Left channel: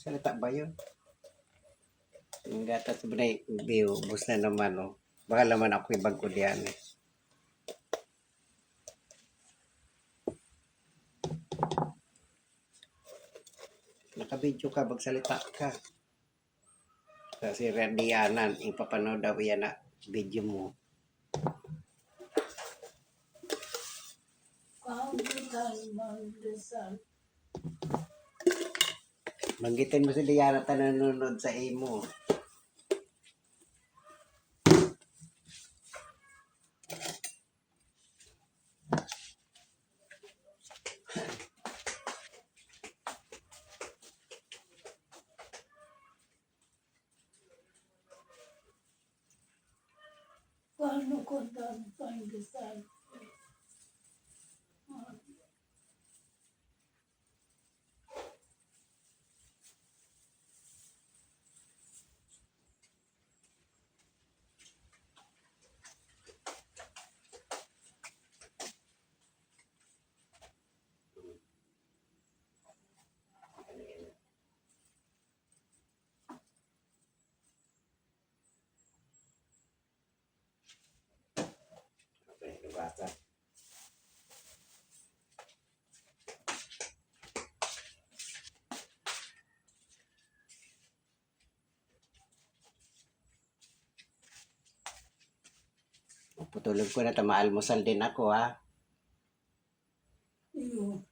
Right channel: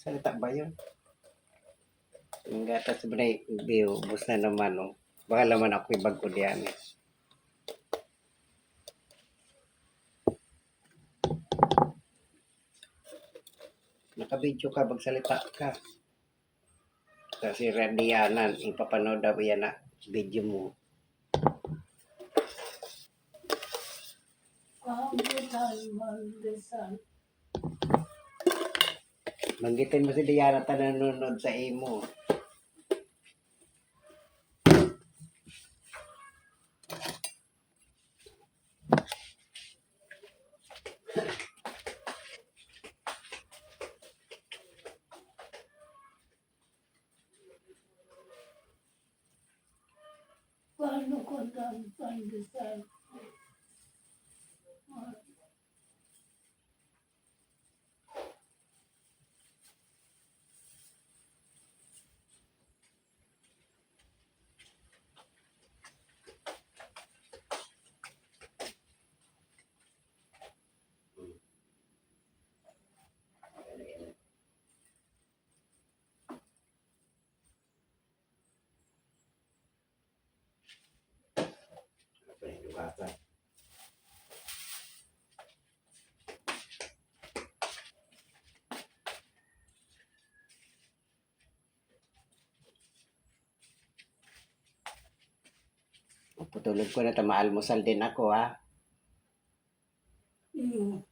Salita ba yun? Yung gata sa banay, biyo, bus na naman, oh. Baka naman ako ibang ko diyan. eh. Nakabidyo ka, magsalita ka. Kasi radianan, ipapanood daw yan na video mo. Mandesal. Manggitin mo si Diana ta nanonood sa imo. Paano ko tan pandesal? bata. Naputulog ko na, tamaalmusal din ako ha. Iyo.